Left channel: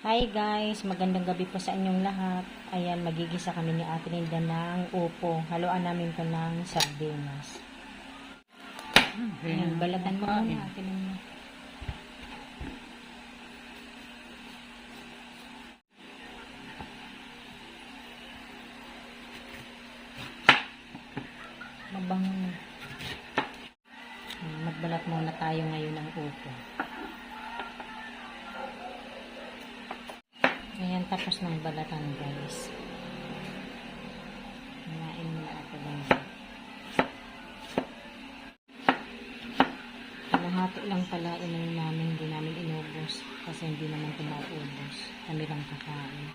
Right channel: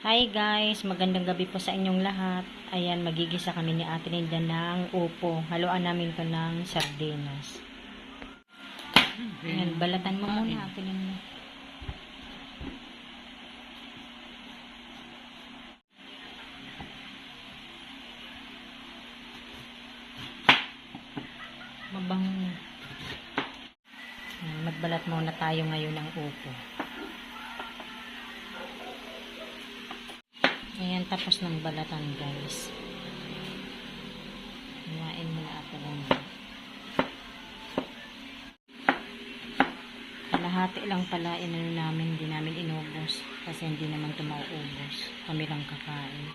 Hi guys, magandang gabi po sa inyong lahat. Ayan, magigisa kami ni Ate Linda ng upo. Haluan namin to ng sardinas. Ayan, balatan mo muna Ate Linda. Mabango na. Magbalat muna tayo ngayon ng upo. Ayan, tapos ng balatan guys. Hiwain mo na Ate Linda. Kalahati lang pala inano namin, hindi namin inubos. Kasi hindi naman ito mauubos. Kami lang kakain.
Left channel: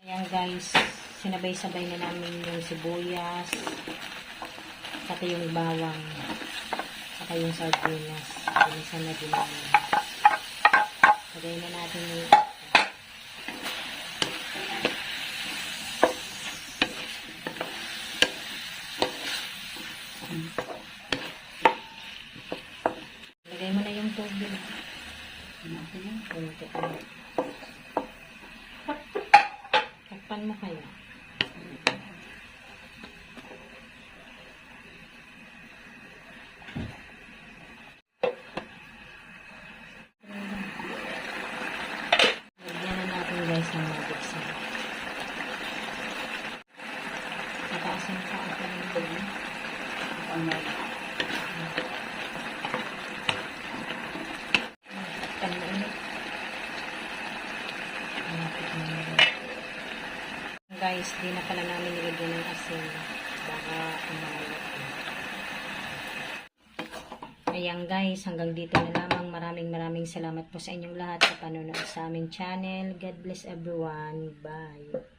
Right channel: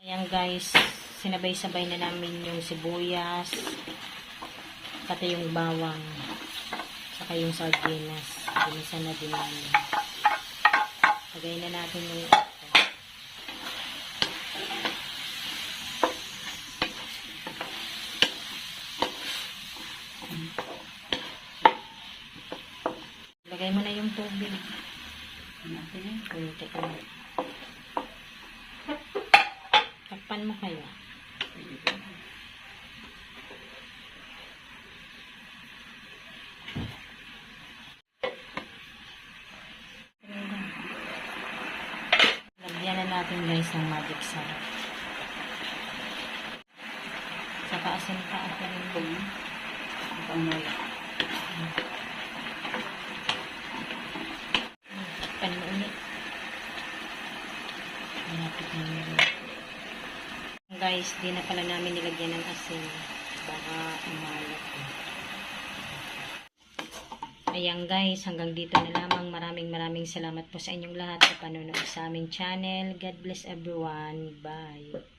Ayan guys, sinabay-sabay na namin yung sibuyas, pati yung bawang, saka yung sardinas. Pinisa na din namin. Lagay na natin yung lagay mo na yung tubig. Kunti ko. Takpan mo kayo. Lagyan na natin guys ng magic sarap. Nataasan pa ako ng buwan. Takpan mo ulit. Malapit na yun. Guys, di na pala namin nilagyan ng asin. Baka umalat. Ayan guys, hanggang dito na lamang. Maraming salamat po sa inyong lahat sa panonood sa aming channel. God bless everyone. Bye.